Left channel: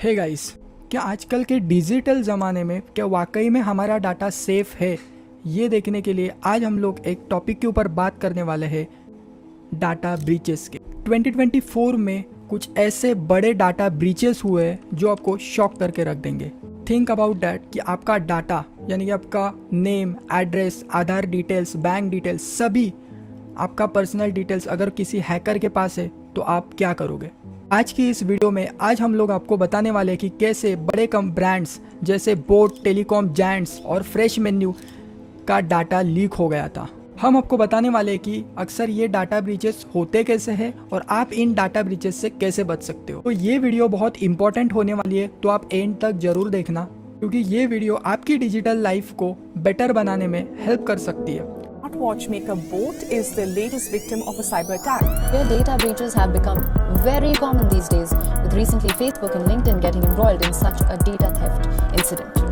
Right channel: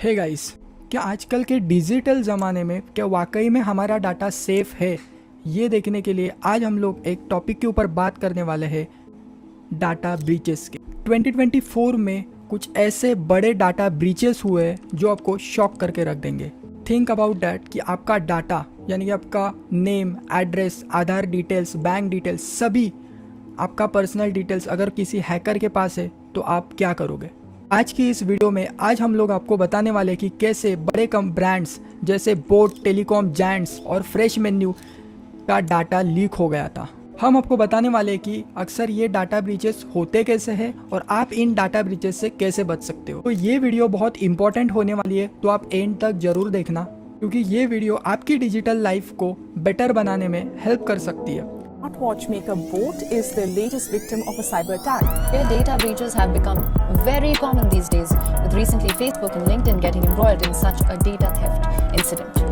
Hey guys, क्या आजकल के डिजिटल ज़माने में क्या वाकई में हमारा डाटा सेफ है? ये देखने के लिए आज हम लोग एक टॉपिक के ऊपर बात करने वाले हैं, डाटा ब्रीचेस की। 2024 में कुछ ऐसे बड़े डाटा ब्रीचेस हुए जो आपको शॉक करके रख देंगे। थिंक अबाउट डैट कि आपका डाटा यानी कि आपका नेम, एड्रेस, आधार डिटेल्स, बैंक डिटेल्स, सभी आपका पर्सनल डिटेल्स अगर किसी हैकर के पास है तो आप क्या करोगे? आज की इस वीडियो में आज हम लोग आपको बताने वाले हैं कि कैसे बड़े कम ब्रांड्स जैसे बोट, टेलीकॉम जायंट्स और फ्रेश मेन्यू का डाटा लीक हो गया था। हम आपको बताने वाले हैं कि अक्सर ये डाटा ब्रीचेस होते कैसे हैं और आप इन डाटा ब्रीचेस से कैसे बच सकते हो। तो ये वीडियो बहुत इंपॉर्टेंट होने वाली है, तो आप एंड तक जरूर देखना, क्योंकि ये वीडियो आपकी डिजिटल लाइफ को बेटर बनाने में हेल्प कर सकती है। Smart watchmaker Boat is the latest victim of a cyber attack. Their data breaches have become very common these days, with recently Facebook and LinkedIn getting embroiled in such a data theft incident.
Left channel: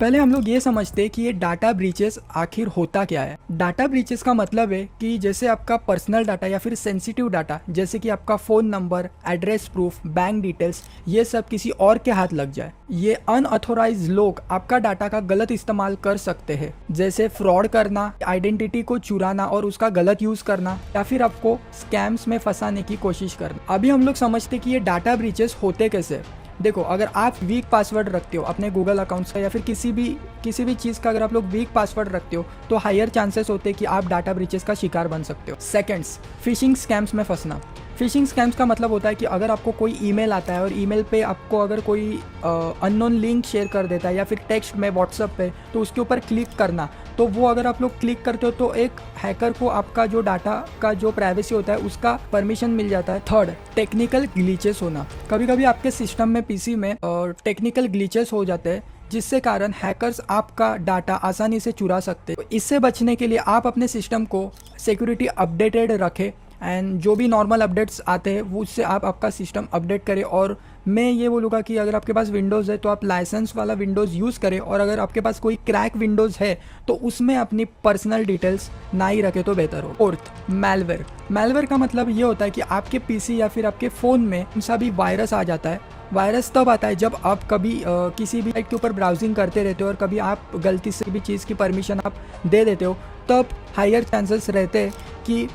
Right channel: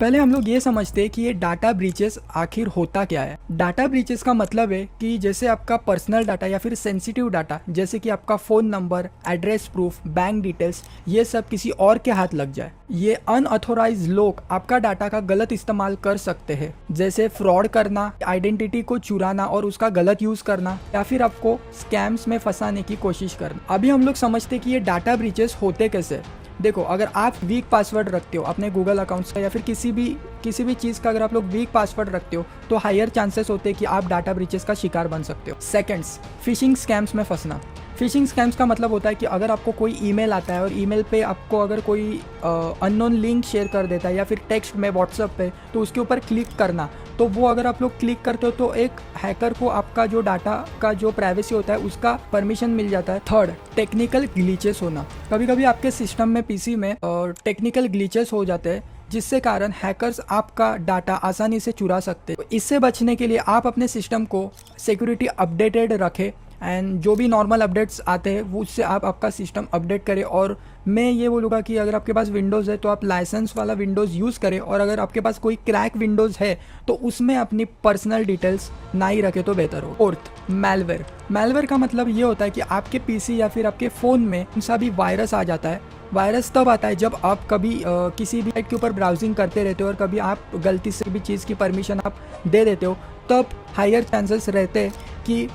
पहले हम लोग ये समझते हैं कि ये data breaches आखिर होता क्या है। डाटा ब्रीचेस का मतलब है कि जैसे आपका पर्सनल डाटा या फिर सेंसिटिव डाटा जैसे कि आपका phone number, address proof, bank details, ये सब किसी और के हाथ लग जाए। ये अनऑथोराइज लोग आपका डाटा का गलत इस्तेमाल कर सकते हैं, जैसे फ्रॉड करना, आइडेंटिटी को चुराना और उसका गलत यूज करना, या फिर आपको स्कैम्स में फंसाने की कोशिश करना। अभी हम लोग समझते कि ये डाटा ब्रीचेस होते कैसे। देखो, अगर आप वीक पासवर्ड रखते हो अपने गूगल अकाउंट्स का या फिर किसी भी चीज़ का अगर आप लोग वीक पासवर्ड रखते हो तो हायर चांसेस होते हैं कि आप डाटा ब्रीचेस का शिकार बन सकते हो। सेकंड्स, फिशिंग स्कैम्स में फंसना। फिशिंग स्कैम्स का मतलब होता है कि अगर आपको कोई ईमेल आता है और ईमेल पे आपको अगर कोई अननोन लिंक शेयर कर देता है या फिर टेक्स्ट में व्हाट्सएप पे, तो उसके ऊपर क्लिक करना, तो वो अगर आप लोग क्लिक करते हो तो एक हैकर को आपका जो डाटा का जो प्राइवेसी होता है उसका परमिशन मिल जाता है। थर्ड, टेक्निकल ग्लिचेस होना। कभी कभी आपके सिस्टम में, पीसी में टेक्निकल ग्लिचेस हो जाते हैं जिससे कारण हैकर्स आपका डाटा आसानी से चुरा सकते हैं। इससे बचने के लिए आप अपने सिस्टम को सिक्योरिटी अपडेटेड रखें एंड जो भी नॉर्मल अपडेट्स आते हैं उससे आप आपका सिस्टम अपडेट करें। और मैं ये बोलूँगा कि अगर आपके पास विंडोज़ है तो आप लाइसेंस वाला विंडोज़ यूज़ करें, और अगर आपके पास कोई क्रैक विंडोज़ है तो उसमें अपनी पर्सनल डिटेल्स ना ही रखें तो बेहतर हो। Fourth, malware. मैलवेयर का मतलब ये होता है कि आपके पीसी या फिर आपके फ़ोन में सा भी वायरस आ जाता है। वायरस तब आता है जब आप कभी किसी भी साइट के ऊपर ब्राउजिंग करते रहते हो और कभी आप गलती से भी चीज़ की परमिशन आप दे देते हो, तब हायर चांसेस रहते हैं कि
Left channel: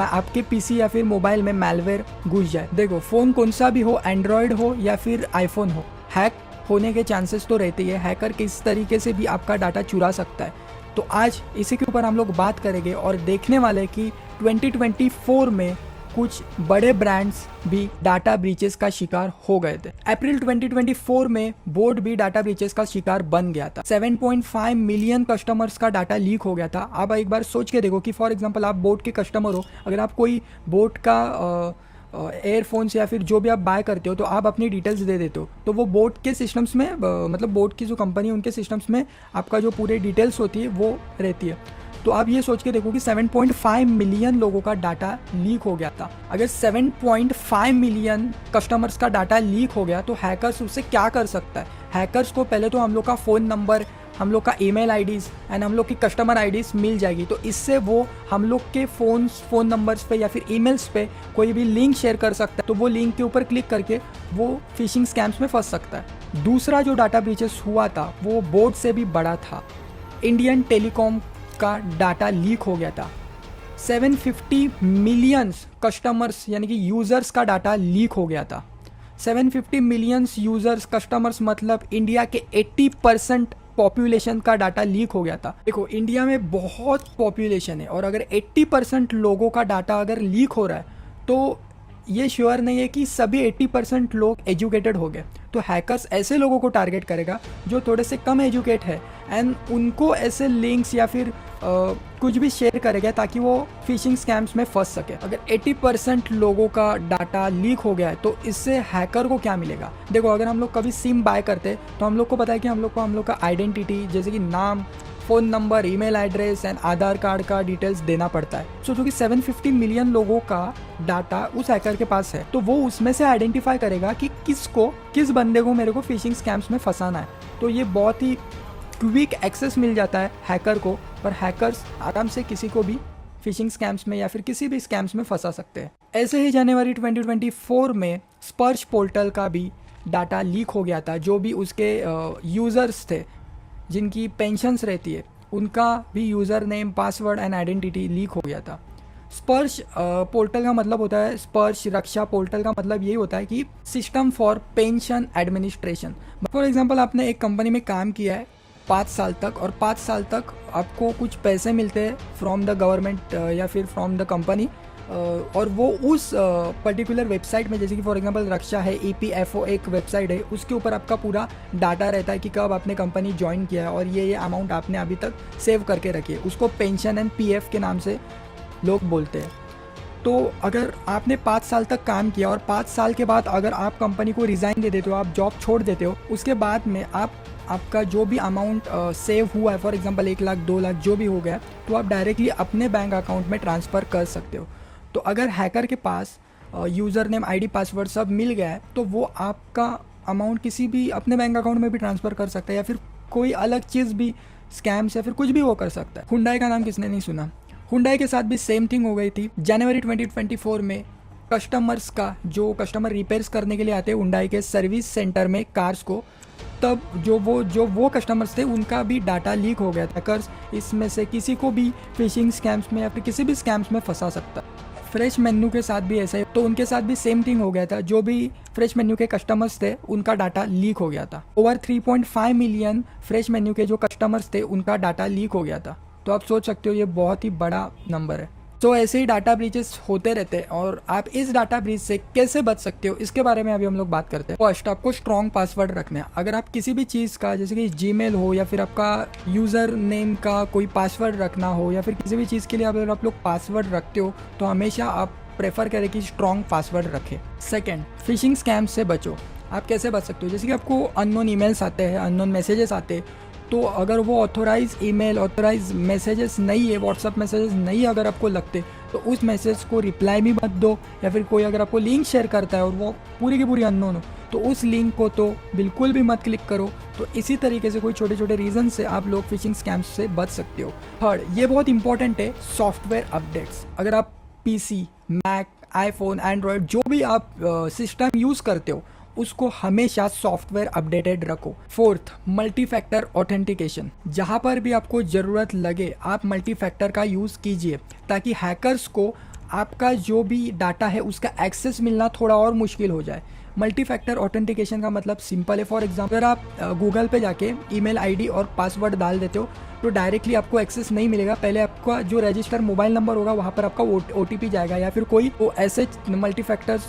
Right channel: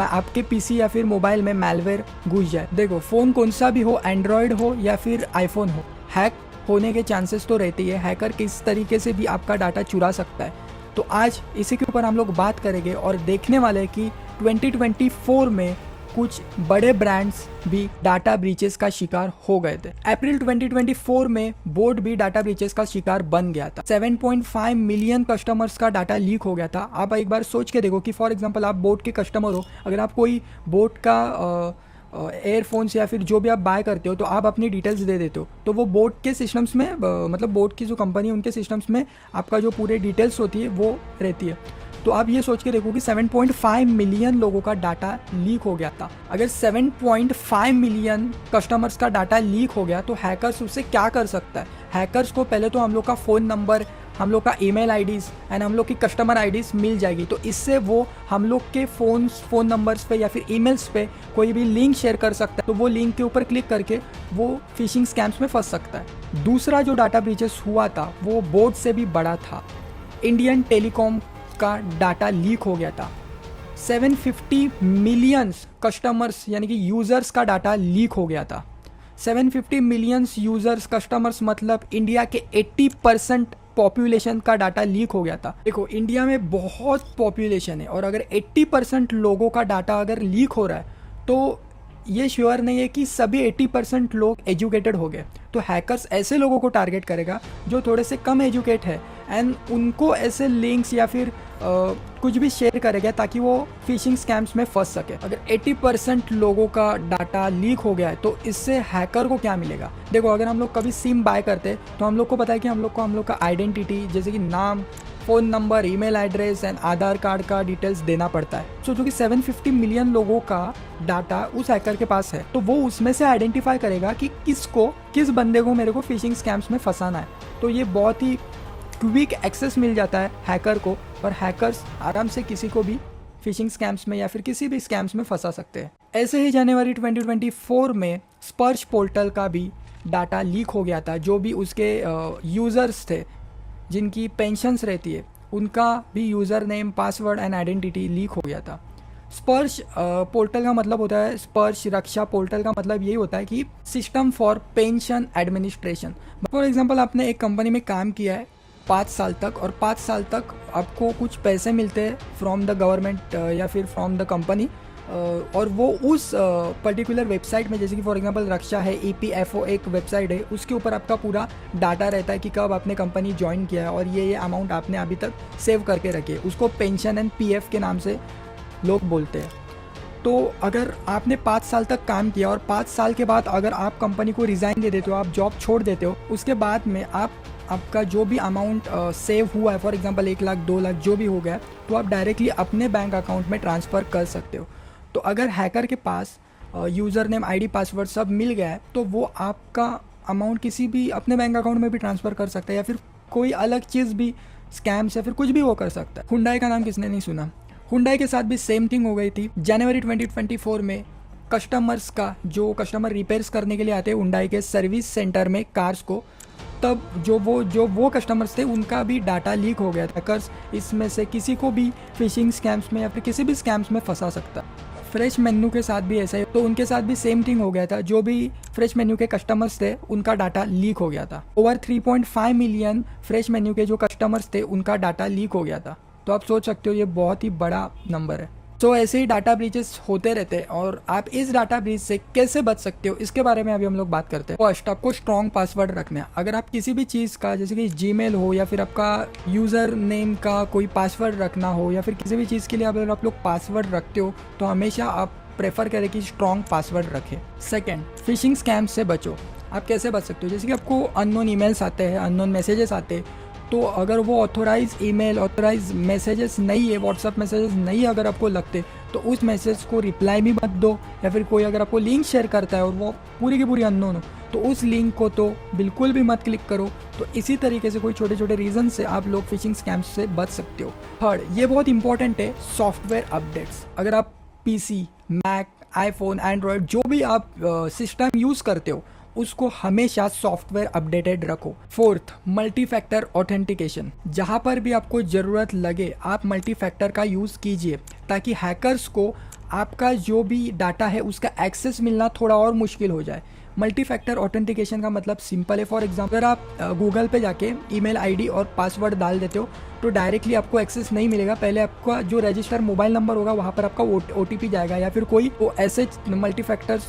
आपके पीसी या फिर मोबाइल में मैलवेयर घुस जाए। देखो, फ़ोन कौन सा भी हो, एंड्रॉयड हो या फिर आईफोन हो, हैक होने के चांसेस तो रहते ही है। हैकर किस तरीके से भी आपका डाटा चुरा सकता है। तो आज इसी के ऊपर हम लोग बात करेंगे और देखने वाले कि 2024 में कुछ बड़े ब्रांड्स भी डाटा ब्रीचेस का शिकार हो गए थे। अप्रैल 2024 में बोट भी डाटा ब्रीचेस का शिकार बन गया था। 7.5 मिलियन कस्टमर्स का डाटा लीक हो गया था। आप एक बार सोच के देखो कि फॉर एग्जांपल आप बोट के कस्टमर हो, अगर आप कोई बोट का एयरफोन्स या फिर जो भी आप बाय करते हो तो आप अपनी डिटेल्स दे देते हो, तो वो बोट के सिस्टम्स में मतलब बोट की जो कंपनी है उनके सिस्टम्स में आपका जो पूरे डिटेल्स होती है वो रहती है। तो आप ये सोच के देखो कि 7.5 मिलियन लोगों का डाटा लीक हो गया था। अगर 7.5 मिलियन कस्टमर्स का डाटा लीक हो गया तो हैकर्स उससे क्या कर सकता है? हैकर्स को पहले तो हम लोग का फ़ोन नंबर, हम लोग का ईमेल आईडीज़ एंड हम लोग की कस्टमर आईडीज़ मिल जाएगी, तो इससे वो हम लोग के फ़ोन नंबर्स पे या फिर ईमेल्स पे कोई भी लिंक शेयर कर सकता है, तो वो लिंक के ऊपर क्लिक करके वो फिशिंग स्कैम्स में फंस सकता है। दूसरा जो डाटा ब्रीचेस हुआ था वो बोट से भी बड़ा था। इंडियन टेलीकॉम का डाटा लीक हो गया था। 750 मिलियन कस्टमर्स यानी कि यूजर्स का डाटा लीक हो गया था। 750 मिलियन यूजर्स, कस्टमर्स मतलब इंडिया के 80% पॉपुलेशन का डाटा लीक हो गया था। देखो, इंडिया में बहुत पॉपुलेशन है और अगर 80% लोगों का डाटा अगर लीक हो रहा है तो ये श्योर नहीं है कि सभी 80% लोग एजुकेटेड हो गए। तो हैकर्स ऐसे लोगों को टारगेट करेगा जो थोड़े से कम एजुकेट है एंड उनको ऐसे लिंक्स या फिर कुछ भी शेयर करेगा ताकि वो फिशिंग स्कैम्स में फंस सके। अगर 80% लोगों का डाटा लीक हो गया है तो इससे हैकर को क्या मिलेगा? देखो, अगर हम लोग कभी सिम बाय करते हैं तो हम लोग को पता है कि हम लोग का आइडेंटिटी जैसे कि नाम, phone number, email address and Aadhaar card का डिटेल्स देना पड़ता है। सो क्योंकि 750 मिलियन लोगों का डाटा उस हैकर के पास है तो वो उसमें से आइडेंटिफाई करेगा कि किस बंदे को मेरे को फिशिंग स्कैम्स में फंसाना है। तो ये बहुत ही क्विक एक्सेस मिल जाता है हैकर को और हैकर्स आराम से किसी को भी फिशिंग स्कैम्स में या फिर किसी भी स्कैम्स में फंसा सकते हैं। ऐसे ही जनवरी 2024 में स्पर्श पोर्टल का भी डाटा लीक हो गया था। जो भी उसके यूज़र्स थे जिनकी पेंशन्स रहती है उनका भी user name, password and identity leak हो गया था। स्पर्श पोर्टल का मतलब होता है, स्पर्श रक्षा पोर्टल का मतलब यही होता है कि system for pension administration. For example आपने एक कंपनी में काम किया है 5 साल तक और 5 साल तक आपको कुछ पैसे मिलते हैं फ्रॉम द गवर्नमेंट या फिर फ्रॉम द कंपनी, और वो उस पर्टिकुलर वेबसाइट में, जैसे कि फॉर एग्जांपल रक्षा है, EPFO एक वेबसाइट है, उसके ऊपर आपका पूरा डाटा रहता है कि कब आपने कंपनी ज्वाइन किया है और ये अमाउंट आपने अभी तक सेव करके रखी है। उसको पेंशन एंड PF के नाम से लोग बोलते हैं। तो अगर आपने 5 साल तक काम किया और 5 साल के बाद अगर आप कंपनी को रिज़ाइन दे देते हो, आप जॉब छोड़ देते हो, उसके बाद में आपका जो भी अमाउंट सेव हुआ है, फॉर एग्जांपल 1 लाख 2 लाख जो भी हो गया, तो आप डायरेक्टली अपने बैंक अकाउंट में ट्रांसफ़र कर सकते हो। तो अगर हैकर के पास यूज़र नेम, ID, पासवर्ड सब मिल गया है तो वो आपका अमाउंट किसी भी अपने बैंक अकाउंट में भी ट्रांसफ़र कर सकता है, या फिर कोई अलग चीज़ भी, स्कैम्स या फिर कुछ भी वो कर सकता है। हुंडई का नाम किसने नहीं सुना। हुंडई के साथ भी सेम थिंग हो गई थी। जनवरी 2024 में कस्टमर्स का, जो कस्टमर रिपेयर्स करने के लिए आते हैं हुंडई के सर्विस सेंटर में कार्स को, तब जो वो कस्टमर्स थे उनका भी डाटा लीक हो गया था। कर्स इसमें से किसी को भी फिशिंग स्कैम्स में या फिर किसी भी स्कैम्स में फंसा सकता है। फ्रेश मेन्यू के साथ भी ऐसा है, तो उनके साथ भी सेम थिंग हो गया था। जो भी फ्रेश मेन्यू के कस्टमर्स थे उनका डाटा लीक हो गया था। ओवर 3.5 मिलियन फ्रेश मेन्यू के जो कस्टमर्स थे उनका डाटा लीक हो गया था। तो आप सोच सकते हो ये बहुत ही बड़ा नंबर है। तो ऐसे ही डाटा ब्रीचेस होते रहते हैं और आप इस डाटा ब्रीच से कैसे बच सकते हो इसके बारे में अभी हम लोग बात करते हैं। फर्स्ट, आपको स्ट्रॉन्ग पासवर्ड रखना है। अगर आप किसी भी चीज़ का, जैसे कि जीमेल हो या फिर आपका यूज़र नेम का कोई पासवर्ड रखना हो, या फिर किसी भी चीज़ के लिए अगर आप लोग पासवर्ड रखते हो तो हमेशा आप प्रेफर करें कि स्ट्रॉन्ग पासवर्ड रखें। सेकेंड, फिशिंग स्कैम से बचो। आप कैसे बच सकते हो? जैसे कि आपको अननोन ईमेल्स आते हैं, अननोन मैसेजेस आते हैं, तो अगर वो ऑथोराइज ईमेल, ऑथोराइज मैसेजेस नहीं है, व्हाट्सएप मैसेजेस नहीं अगर आपको लगते, तो उस मैसेज को रिप्लाई भी मत दो। या फिर कोई अगर आपको लिंक शेयर करता है और वो पूरी की पूरी अननोन हो तो उस लिंक को तो बिल्कुल भी मत क्लिक करो। तो इसी तरीके से कोई छोटे छोटे रीज़न से आप लोग फिशिंग स्कैम्स से बच सकते हो। थर्ड, ये बहुत इंपॉर्टेंट है, सॉफ्टवेयर अपडेट्स। अगर आप PC, मैक, आईफोन, एंड्रॉयड जो भी आप सिस्टम यूज़ करते हो उसको हमेशा सॉफ्टवेयर अपडेटेड रखो। Fourth, multi factor authentication. जहां पर भी आपको ज़रूरत लगे आप मल्टी फैक्टर का यूज़ कीजिए, ताकि हैकर्स को आपका जो भी डाटा है उसका एक्सेस मिलना थोड़ा और मुश्किल हो जाए। मल्टी फैक्टर ऑथेंटिकेशन का मतलब सिंपल है। फॉर एग्जाम्पल, अगर आप गूगल पे जाके ईमेल ID और पासवर्ड डाल देते हो तो डायरेक्टली आपको एक्सेस नहीं मिलेगा। पहले आपका जो रजिस्टर मोबाइल नंबर होगा वहाँ पर आपका OTP जाएगा, या फिर कोई वो ऐसे मल्टी फैक्टर्स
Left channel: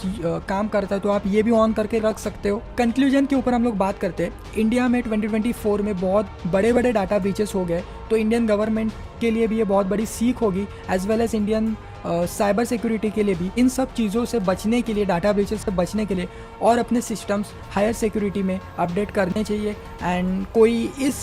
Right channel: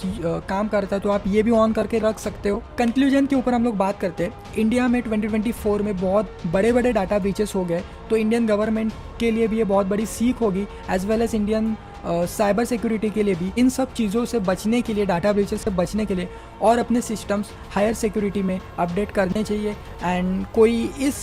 काम करता है, तो आप ये भी ऑन करके रख सकते हो। कंक्लूजन के ऊपर हम लोग बात करते हैं। इंडिया में 2024 में बहुत बड़े बड़े डाटा ब्रीचेस हो गए, तो इंडियन गवर्नमेंट के लिए भी ये बहुत बड़ी सीख होगी, as well as Indian cyber security के लिए भी। इन सब चीज़ों से बचने के लिए, डाटा ब्रीचेस से बचने के लिए और अपने सिस्टम्स हायर सिक्योरिटी में अपडेट करने चाहिए। एंड कोई इस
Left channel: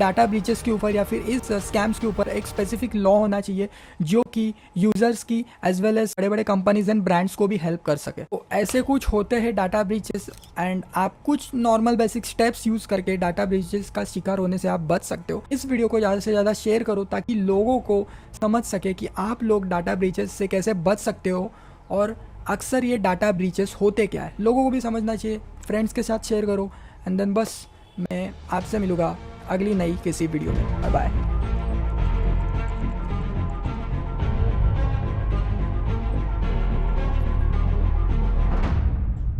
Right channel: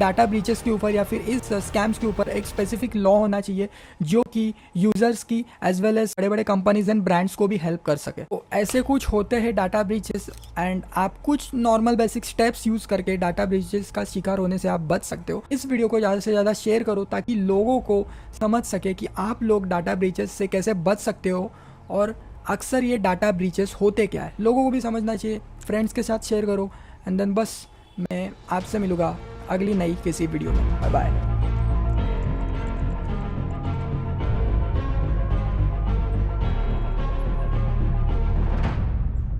डाटा ब्रीचेस के ऊपर या फिर इस स्कैम्स के ऊपर एक स्पेसिफिक लॉ होना चाहिए जो कि यूज़र्स की एज वेल एज बड़े बड़े कंपनीज एंड ब्रांड्स को भी हेल्प कर सके। तो ऐसे कुछ होते हैं डाटा ब्रीचेस, एंड आप कुछ नॉर्मल बेसिक स्टेप्स यूज़ करके डाटा ब्रीचेस का शिकार होने से आप बच सकते हो। इस वीडियो को ज़्यादा से ज़्यादा शेयर करो ताकि लोगों को समझ सके कि आप लोग डाटा ब्रीचेस से कैसे बच सकते हो, और अक्सर ये डाटा ब्रीचेस होते क्या है लोगों को भी समझना चाहिए। फ्रेंड्स के साथ शेयर करो, एंड देन बस मैं आपसे मिलूंगा अगली नई किसी वीडियो में। Bye bye.